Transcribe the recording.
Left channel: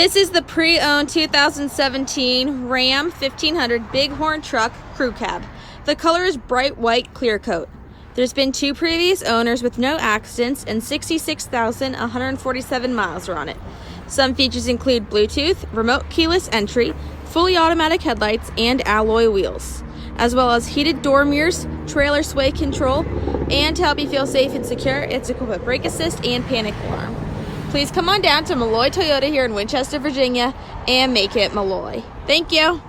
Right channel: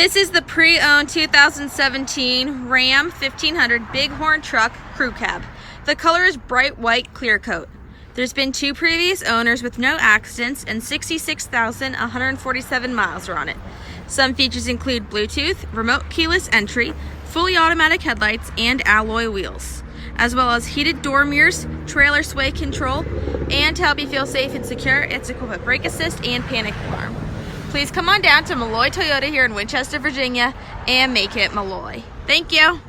This is the pre-owned 2017 Ram 1500 Bighorn Truck Crew Cab. The color is bright white Clearcoat. There's been 2 previous owners with no accidents and 66,147 miles are on it. Some features include Bluetooth, remote keyless entry, fully automatic headlights, and alloy wheels, as well as heated door mirrors, trailer sway control, and to help you feel safe and secure, it's equipped with brake assist and panic alarm. Please come on down to Malloy Toyota here in Winchester, Virginia, and make it Malloy. Thank you.